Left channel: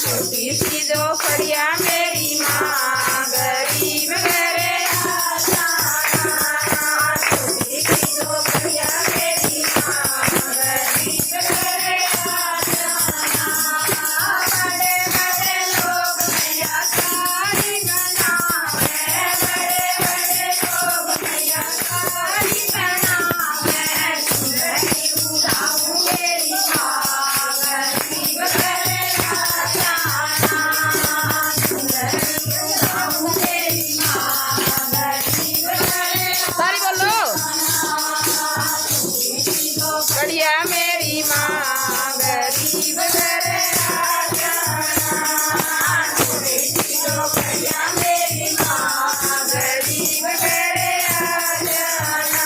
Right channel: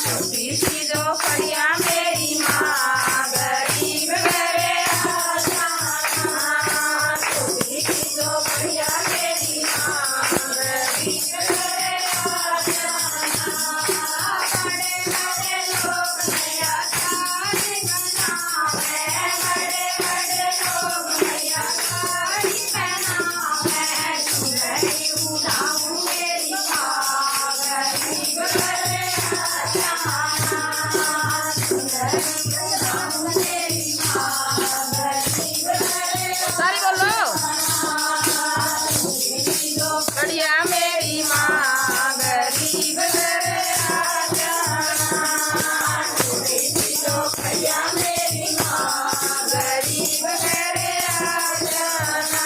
छोटी सी झोपड़िया मेरी माँ गरीब घरे आ जाना। छोटी सी झोपड़िया मेरी माँ गरीब घरे आ जाना। बड़े बड़े लोग भैया साड़ी बनावे, बड़े बड़े लोग भैया साड़ी बनावे। चुनरी उड़ाऊं मेरी माँ गरीब घरे आ जाना। चुनरी उड़ाऊं मेरी माँ गरीब घरे सारी बोलो। बढ़िया मेरी माँ गरीब घरे आ जाना। बढ़िया मेरी माँ गरीब घरे आ जाना।